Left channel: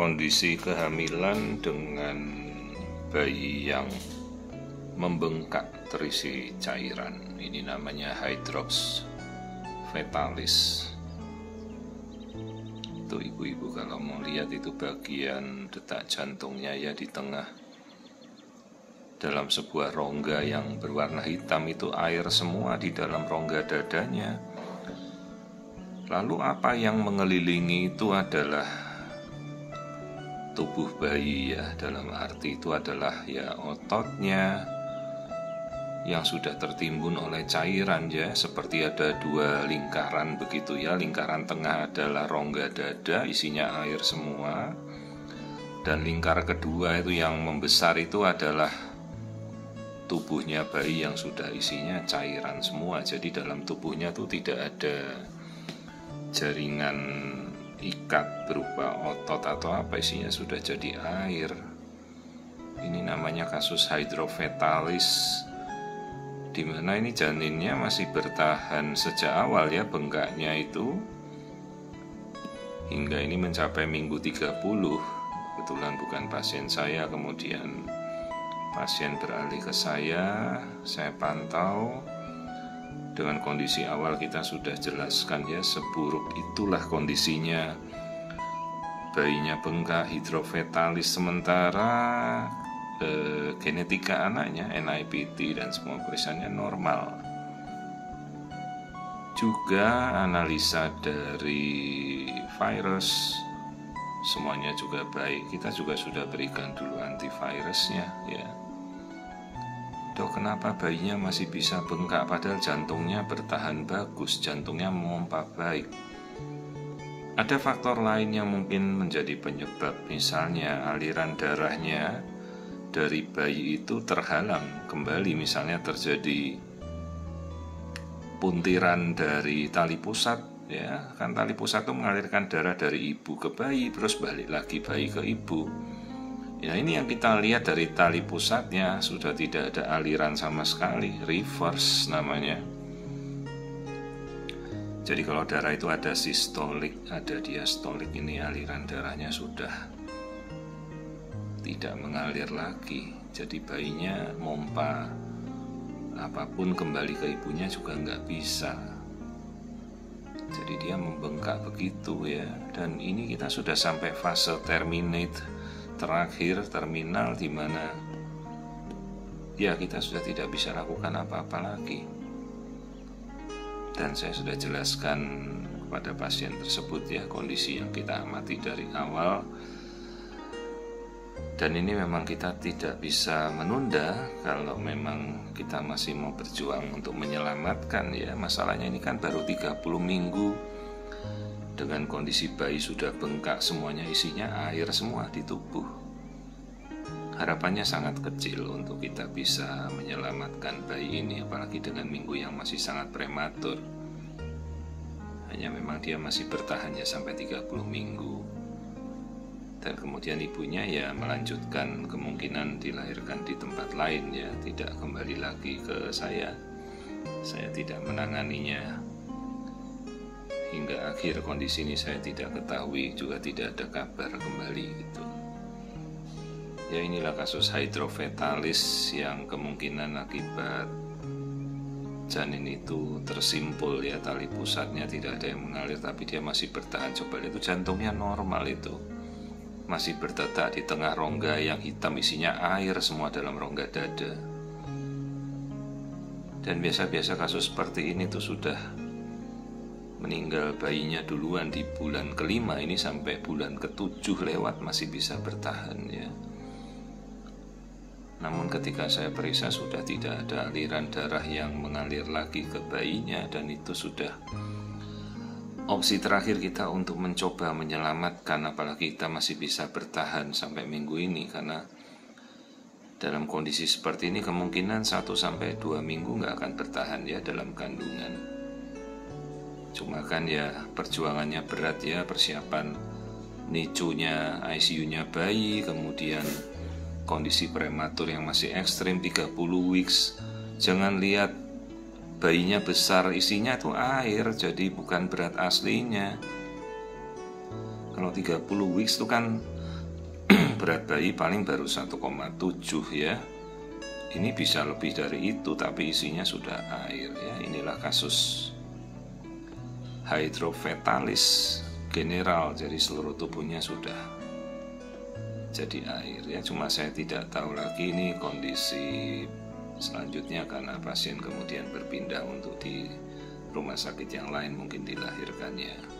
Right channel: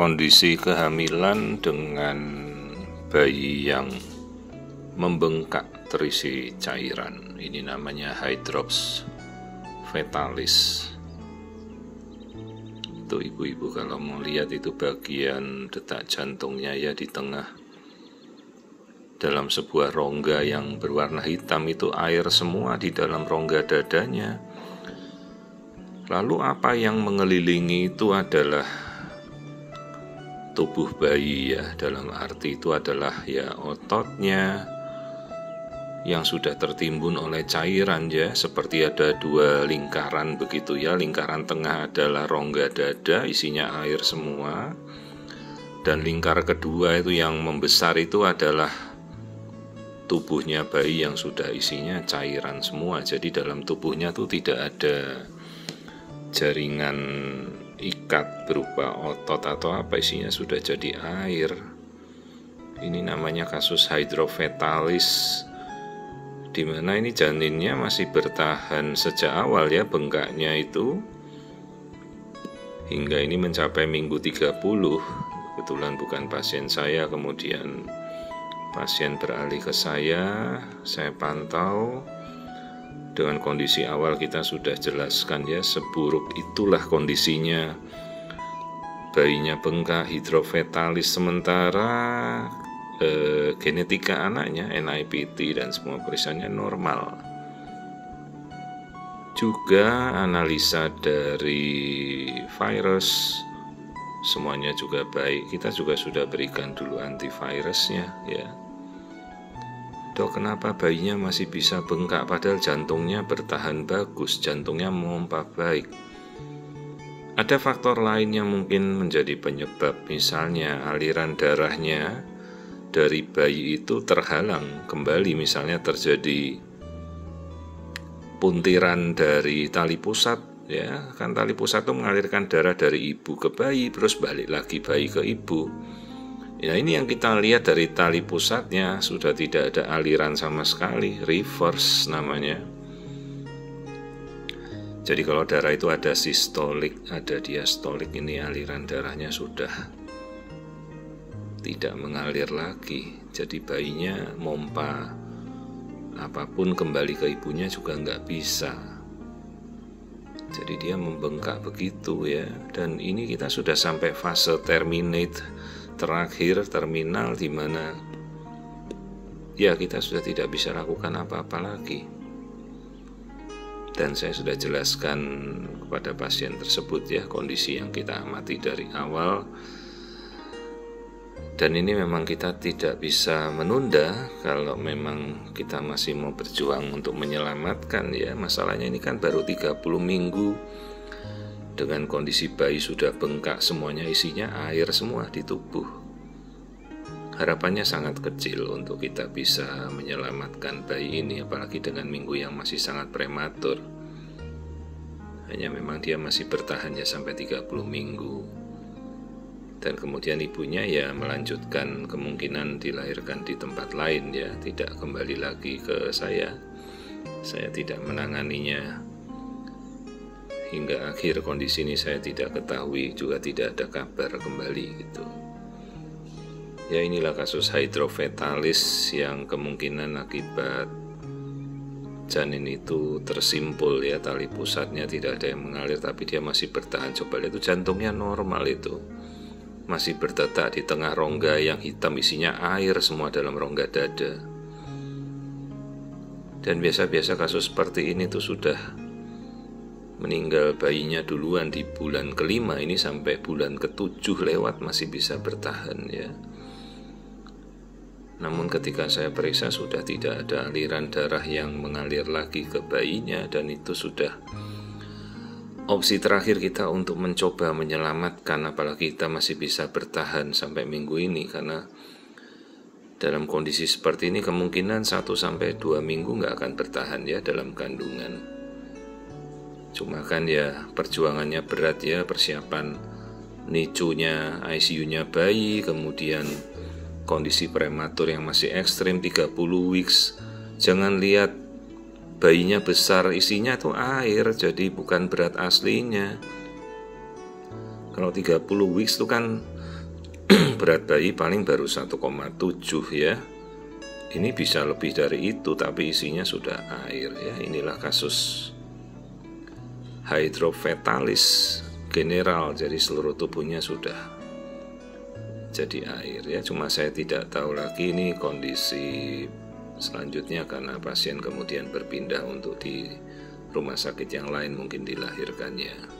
kondisi kehamilan dengan bayi yang membengkak terisi cairan. Ini namanya hydrops fetalis. Itu ibu-ibu kalau mau lihat itu bagian detak jantungnya ya di tengah. Dalam sebuah rongga yang berwarna hitam itu air semua di dalam rongga dadanya. Lalu apa yang mengelilingi itu adalah tubuh bayi ya, dalam arti itu adalah ya ototnya yang sudah tertimbun oleh cairan ya, seperti ada dua lingkaran begitu ya. Lingkaran tengah adalah rongga dada, isinya air semua. Dan lingkar kedua itu yang membesar itu adalah tubuhnya bayi yang sudah isinya cairan semua. Jadi dalam tubuhnya tuh tidak ada jaringan ikat berupa otot atau apa, isinya sudah jadi air. Ini namanya kasus hydrofetalis, di mana ini janinnya masih bertahan sejak awal ya, bengkaknya itu hingga ini mencapai minggu 30. Kebetulan bukan pasien saya, kemudian pasien beralih ke saya pantau. Dengan kondisi awal kita sudah jelaskan ya, seburuk itulah kondisinya. Bayinya bengkak, hidrofetalis, sementara genetika anaknya, NIPT dan semua periksanya normal. Juga analisa dari virus semuanya juga baik. Kita juga sudah berikan dulu antivirusnya ya. Dok, kenapa bayinya masih bisa bengkak padahal jantungnya bertahan bagus, jantungnya memompa baik? Ada faktor lain yang mungkin menjadi penyebab, misalnya aliran darahnya dari bayi itu terhalang kembali, misalnya terjadi puntiran dari tali pusat ya, kan tali pusat itu mengalirkan darah dari ibu ke bayi terus balik lagi bayi ke ibu. Ya, ini yang kita lihat dari tali pusatnya sudah tidak ada aliran sama sekali, reverse namanya. Jadi kalau darah itu ada sistolik, ada diastolik, ini aliran darahnya sudah tidak mengalir lagi. Jadi bayinya mompa apapun kembali ke ibunya juga nggak bisa. Jadi dia membengkak begitu ya. Dan ini kita sudah sampai fase terakhir terminal, di mana ya kita sudah tidak bisa lakukan apa-apa lagi. Dan saya sudah jelaskan kepada pasien tersebut ya kondisi yang kita amati dari awal. Dan ini memang kita tidak bisa menunda kalau memang kita masih mau berjuang untuk menyelamatkan ya. Masalahnya ini kan baru 30 minggu dengan kondisi bayi sudah bengkak, semuanya isinya air semua di tubuh. Harapannya sangat kecil untuk kita bisa menyelamatkan bayi ini, apalagi dengan minggu yang masih sangat prematur. Hanya memang dia masih bertahan ya sampai 30 minggu. Dan kemudian ibunya ya melanjutkan kemungkinan dilahirkan di tempat lain ya, tidak kembali lagi ke saya. Saya tidak menanganinya. Hingga akhir kondisi ini saya tidak ketahui, juga tidak ada kabar kembali gitu. Ya, inilah kasus hydrofetalis yang kemungkinan akibat janin itu tersimpul ya, tali pusatnya tidak ada yang mengalir tapi dia masih bertahan. Coba lihat itu jantungnya normal, itu masih berdetak di tengah rongga yang hitam, isinya air semua dalam rongga dada. Dan biasa-biasa kasus seperti ini tuh sudah meninggal bayinya duluan di bulan ke-5, ini sampai bulan ke-7 lewat masih bisa bertahan ya. Namun ketika saya periksa sudah tidak ada aliran darah yang mengalir lagi ke bayinya, dan itu sudah opsi terakhir kita untuk mencoba menyelamatkan, apalagi kita masih bisa bertahan sampai minggu ini. Karena dalam kondisi seperti ini kemungkinan 1-2 minggu nggak akan bertahan ya dalam kandungan. Cuma kan ya perjuangannya berat ya, persiapan NICU-nya, ICU-nya bayi, kemudian kondisi prematur yang masih ekstrim 30 weeks. Jangan lihat bayinya besar, isinya tuh air, jadi bukan berat aslinya. Kalau 30 weeks itu kan berat bayi paling baru 1,7 ya. Ini bisa lebih dari itu, tapi isinya sudah air ya. Inilah kasus hidrofetalis general, jadi seluruh tubuhnya sudah jadi air ya. Cuma saya tidak tahu lagi ini kondisi selanjutnya karena pasien kemudian berpindah untuk di rumah sakit yang lain, mungkin dilahirkannya.